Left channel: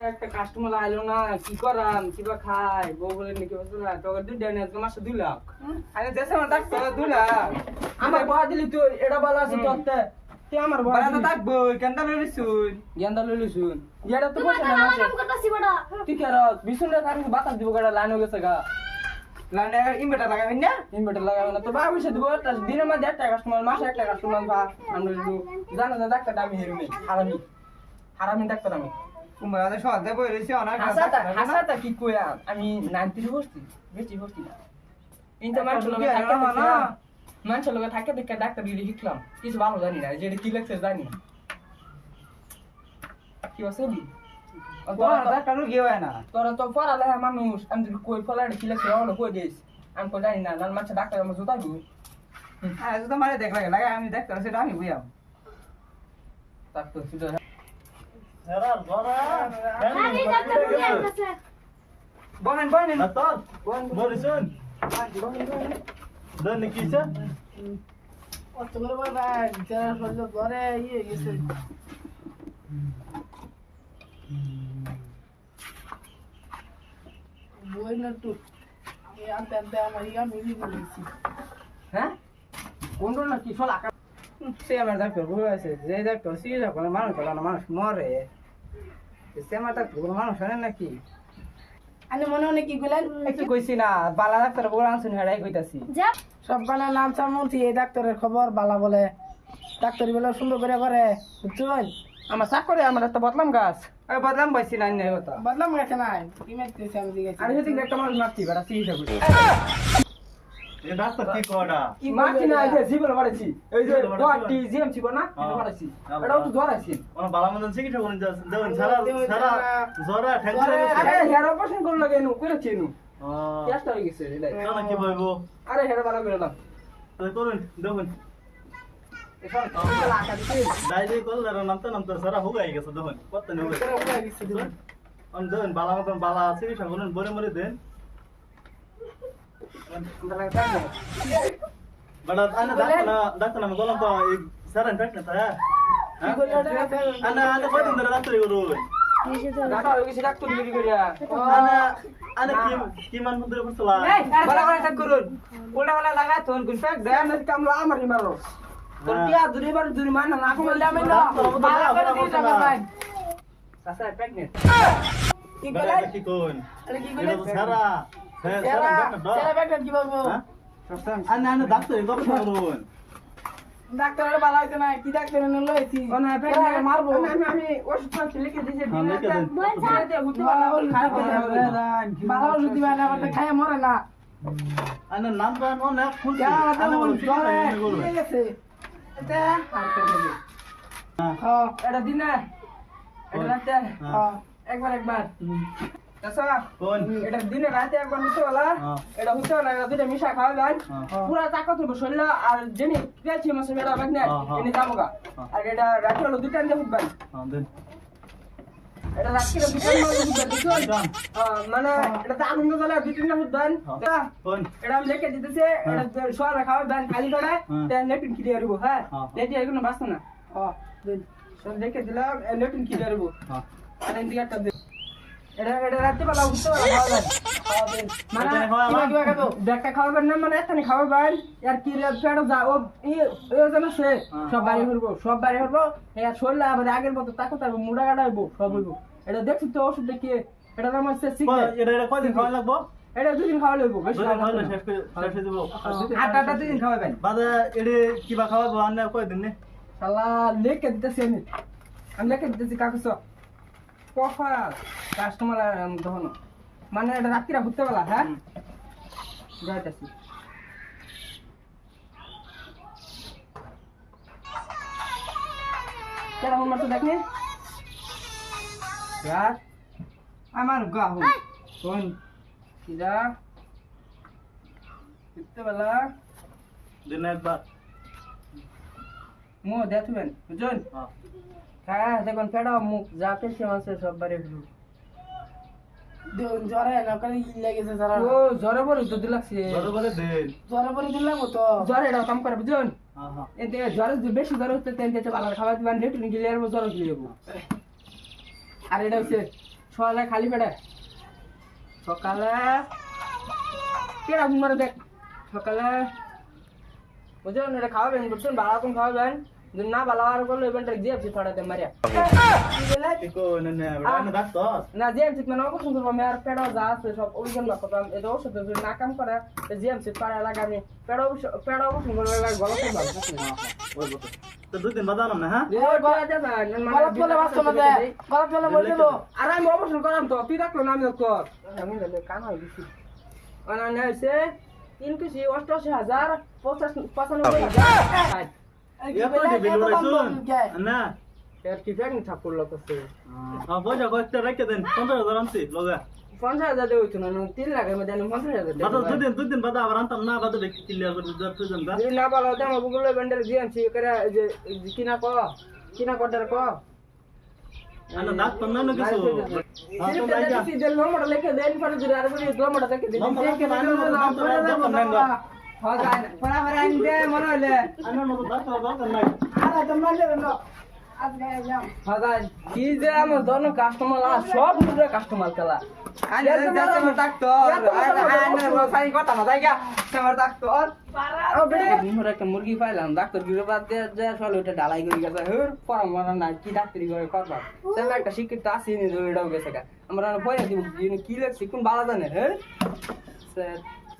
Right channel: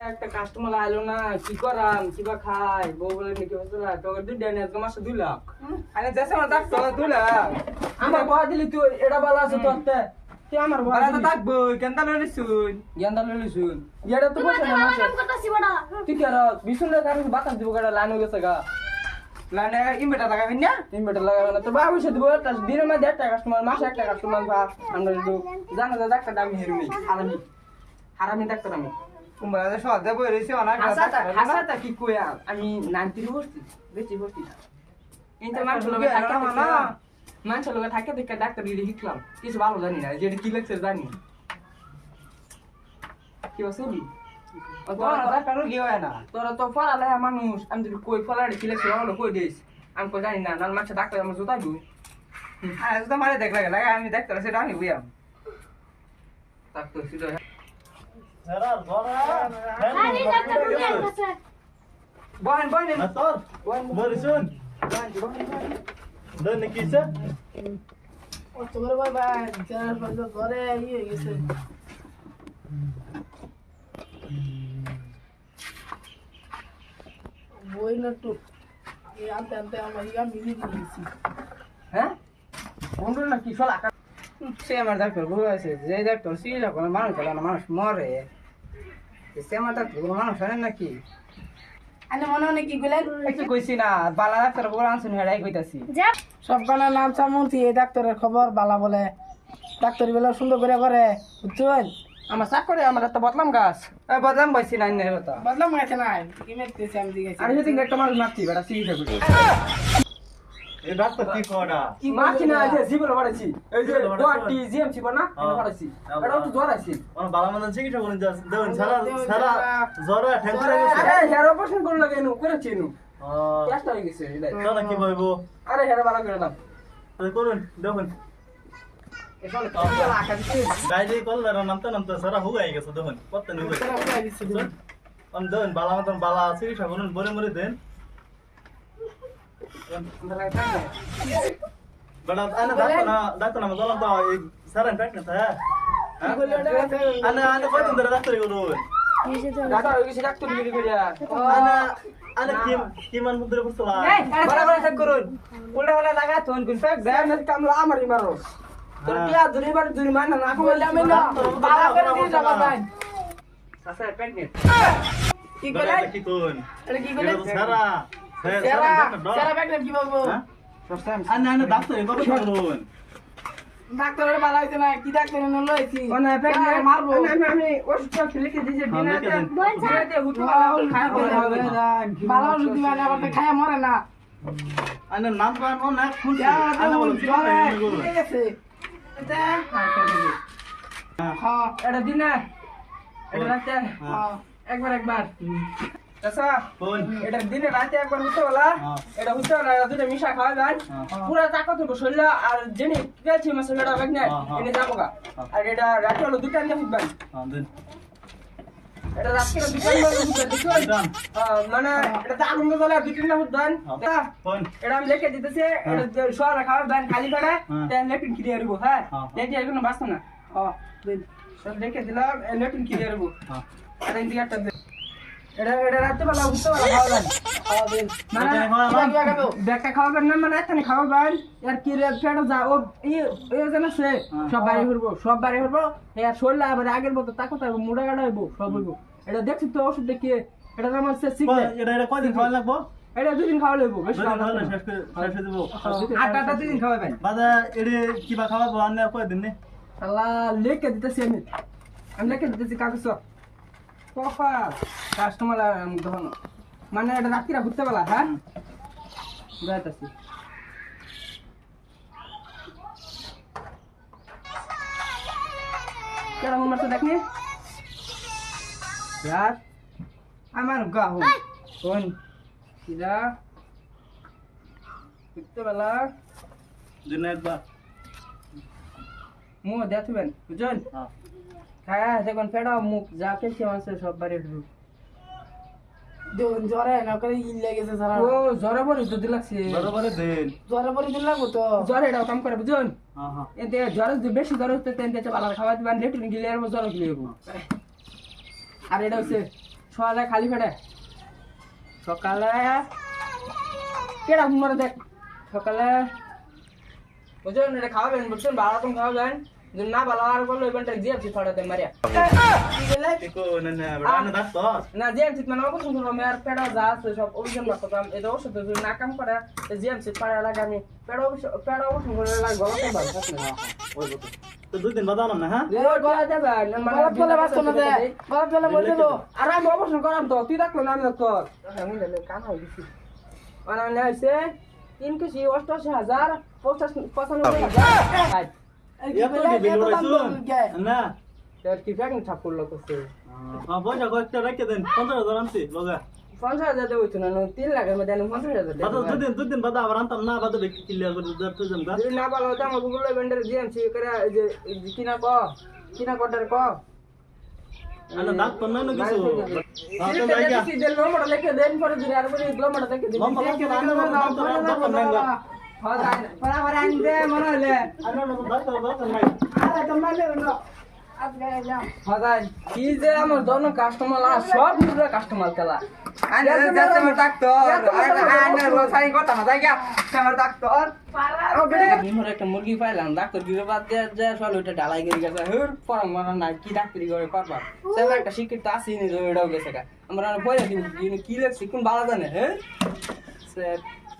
একটা কাস্টমার আইলো না, কি করাম কিবা খাই বউ বলে নাকি বলছিলা তোকে 2 দিন আজকে মাসে 2 লাখ। আরে দেশে আমার টাকা 2 লাখ আমার বয়া দিলি তুই এটা বলা আছে তোতে তুই আমার বয়া দিলি থাকবো কেনটা লইলি শুন গেন্দা লইলি শুন এটা তো পয়সা না মাসে তুই কি আর বিশুন না কারণ বাতাস দিব গাড়া লাইন হয়ে গেছে গা লাইনে ইনভার্টার লাগাবেন না ইনভার্টার লাগাবেন না তো বাবা পয়সা দিব তার দিনের মধ্যে একটা কাস্টমার মাসে একটা কাস্টমার বা আমরা একটু জানা যা ডাক্তার আমি হেরুমি হারামি হারামি ডাক্তার আমি তোমরা যে সহজে বই রইছে অনেক হাসাটা কি কইয়া আমি 90 বসছি বেশি বসছি না কিন্তু মানুষ লোকে থাকে না মানুষ লোকে থাকে দেখে ডাক্তার গিয়ে শিখলাম কিছু ভালো জানি না যেটা কি লাগছে জানি না কি বলছিস ডাক্তারও গিয়ে হয় না তোরা তো পড়ালেখা মানুষ আমি যদি কই ফলাড়ি কি লাগছে হলো কই দিস আমি কই জানি না নাল মাছ ডাক্তার আমার জুতা দিই আরে তো মারে দেখ লাগে আমি ডাক্তার সেটা আমি বুঝাম ডাক্তার সেটা বহেন বহেন Natal, Morrison, dan nikisa, ও তোমার বাবা যারা বললো ঘরে ইয়ে গেছে বই না তো এই আনতে আনতে আমার ইয়া মিলি দিয়েছি হ্যাঁ কোন না কি ফল আকার সে আমার ডাক্তার বউ আছে যে ডাক্তার সিরিয়াস করে মানুষ হলো না মানুষ মরে সে আমার ডাক্তার কোনো মানুষ হয় নাকি আনে মনে হয় কি গুলেন একটু কইছি না বালা ডাক্তার বউ আনছুন হেড়াই কইতাছি সব গানা নাম সামন্তি এই ডাক্তারের খবর বালা বলে ডাক্তার বেলা সুন্দর করে বুঝছেন আমার চাকরি আমার একটা বদলাম গাছ এই বদলাম বইছি না নে হতো বদলাম গেছে না কি মেরতেছে আমি দিয়েছি আমি সেদিন একটা মানুষ মারছি বেটা সিরিয়াস করে ये doctor की कोड़ा, কি মারছি না যে জীবন পড়েছি এই যে ডটি জিএম ছিল না পড়েছি এটা তো জ্বর আছে और बाला मंदन से किसी को नहीं जान, सारा जोरा ठेंगरा আরে गया, হেয়ার অপারেশন করল লাগে নু করেছি নু हाँ, কেষ্ট হয়ে গেছে এটা क्या ना की भाई वो, আরে হেয়ার বালা করে দাও तो कौन, देखो, এখানে কাউকে আটা দিতে डायरी कॉल लड़ा नंतर सारा होगा ही कैसे देखो, पता नहीं होगा, हम देखो बाला मंदन बाला से किसी को नहीं बोले मरे दें, बड़ा आना डाक्टर ना मतलब तो एक सारा इम्पैक्ट था है, आना कोई तो अंदर डाक्टर ही उधर, ডাটা হয়ে গেছে ডাক্তার গিরি করিয়া आना की मन मुद्रे पर चला, বড় বড় চেক করুন উল্টা উল্টা লাগা তোন কোন ফেক দেন না কামলা আমারই মারো তোর টিয়া দুরি বার দুরি মান না কইলে আমি না বালা করে দিন যাবা ভাই সাসা প্রেগন্যান্ট কি কইলেন की कौन, আরে কি কইলেন सारा, সারা সারা ব্যাগটা কি বলবো সাসা आना डाक्टर ही तो कौन, ডাক্তারের বালা হইছে না কি ডাক্তার এনে লইছি ওনা প্রেগন্যান্ট মারবো আমি ওষুধ লিখে দিয়েছি হ্যাঁ, লিখে দিন। দিনাতে হুতো খায় বালা ওষুধ দিবা না আবার খায় মরে না आना नाम का नाम है खुद, আনা बोलो ঠিক আছে এটা আর করে দিই হ্যাঁ এটা দিনা এটা রাতে হ্যাঁ একবার আচ্ছা कौन, এটা দিনে রাতে একবার হতে বলা হ্যাঁ। এটা হতে না দুটো মিশা খাওয়াবেন হ্যাঁ। পুরো টাকা তো শরীর আর জেনে গেছি মাসে এটা ব্যাগনে হ্যাঁ, হ্যাঁ। এনে যাবো গা হ্যাঁ। আর এটা রাতে হলো দুটো আনতে ফুটবেন हाँ दिन, এটা রাতে দুটো डन, মানে এটা তো আগুন জ্বলে দুটো না ফুটবেন হ্যাঁ। कौन, এটা আমি লিখে দিতেছে এটা সব খাওয়াবেন খালি করে হ্যাঁ। তেল লেটিন কি দিয়ে দেবো হ্যাঁ হ্যাঁ। লেটি এগুলো বাঁচতো না হ্যাঁ দিন সব লিখে দিলাম লেটিন কি দিয়ে দেবো हाँ, এটা ইন্ডিয়া একটা এটা রাতে বেলা উঠতে খাওয়াবেন মানে কিবা খাবো ব্যাগটা খাওয়াবেন না মানে এখানে খাওয়াবেন আর কি রে পেটে যা ও যেন সে সব বাড়ি হইব আর শরীর আবার আগের মতো তাকে তাকে মুড়া গাড়া হইব সব হইব এটা দেখছি তো ওষুধ দেখিয়ে এটা নাম হচ্ছে সিগারেট এটা কয়দিন খাওয়া লাগবো, এটা 2 দিন খাওয়া লাগবো বেশি দুদিন খাওয়া খাওয়ালে লাগবে শেষ করে দেবো, আটটা 2 দিন খাওয়াবেন বাদে এডি কিবা খাওয়াবো আনে কয়দিন নে, শালা লিখে দিতেছি আমি লিখে দিতেছি কাগজ কফা কাস্টমার তখন মানে এটা রাত্রিরা ঘুরতে বেলা হ্যাঁ যাইতেছি কেমন মারছে দেখনি यार আমার গাহু কোন কিরা ঘুরতে বেলা দিন একবার, মুখ দেখবেন বুঝুন হ্যাঁ, হ্যাঁ দেখুন পেড়া মুখ যা পেয়েছে আছে সব বাড়ি হলো জ্বরে না করে ইল লাগেছে সারা ও জ্বরে পরে তো দিলাছে বরাবরে দিন, জ্বরে পরে দিন লাগবো তো জ্বরে এটা কাম করে বুঝুন হ্যাঁ হ্যাঁ, এতে জ্বর যদি বেশি জ্বর হচ্ছে তেন তেতে ভালো খাওয়া দিবেন লেটুন গিলে আর জ্বর গিলে আর এটা হচ্ছে সকালে খালি পেটে সকালে কেডা ঘুমারে দেখ সকালে বুঝুন এটা খাওয়াবেন বুঝছেন বালা তুমি খাওয়াবেন যদি না বালা আর করলো ইভেন্টটা জিএফসি ফাটাতে মারিয়া ইকো না না বড় ডাক্তার না জিএমসি মানে অবশ্যই করবো আমি আর পেড়া যা আছে সব অভিযান না করতাম এটা ওষুধ যদি না কাম করে জিএমসি পাড়া লাগে আমি পেড়া অবশ্যই করে লাগে গলা ভালো থাকলে না তো দুই দিন বাদ আনাম না হ্যাঁ গলা দেবে গলত বলে বাঁচতো না যে গলত বলে বলে দেবো আর আমি অবশ্যই করাম তো তুই রাখলো না আমি তোর আমি কান হয়ে গেছি অনান্য হয়েছে 3,88,95,95,000 এত বিল রাইছুন না কি প্যাকিং ছাপ করলো তো সে পয়সা কয়েকটা রেখে দেন 15,000 আনছি লগা 50,000 দেবো তো না 3 লাখের মধ্যে 50,000 বাদ দুই দিন বাদ আবার আনতাম না বাদ দেখি ক্লিয়ার করে দিতে জমগা যদি না ভালো হতো আমার গুগল ভেন্ডার জিএমসি করে যে কিনা কটার ক আনা ডাক্তার না কিছু হ্যাঁ তো যাই গা দিল নম্বর লিখে দেন পরে যদি আর বলি নম্বর থেকে দিন নম্বর লিখে দেন ডাক্তার নেন হ্যাঁ যাই পড়া পড়া আনতে মনে হলে আনা না ডাক্তার নাই আরে তোমরা নেবে না আজকে যাও হ্যাঁ যাই কি যে আমার দোন কাস্টমার সব মুদ্রা কাস্টমার খেলা আরে যাতে ডাক্তার আরে রসাই কথা না যাই গা আমার ডাক্তার ও বেটা দিনর একটা মুরগি পাইলাম ডাক্তার গিয়ে বাদ যে চল ওটা ডালাই করে গেছে হের পরামর্শ না কি ডাক্তারি করে করবা সেটা একটা শিক্ষিত আসি নি এটাও গেছে আমরা পয়সা দিব কি লাগছে কোন ভালো জানে হ্যাঁ স্যার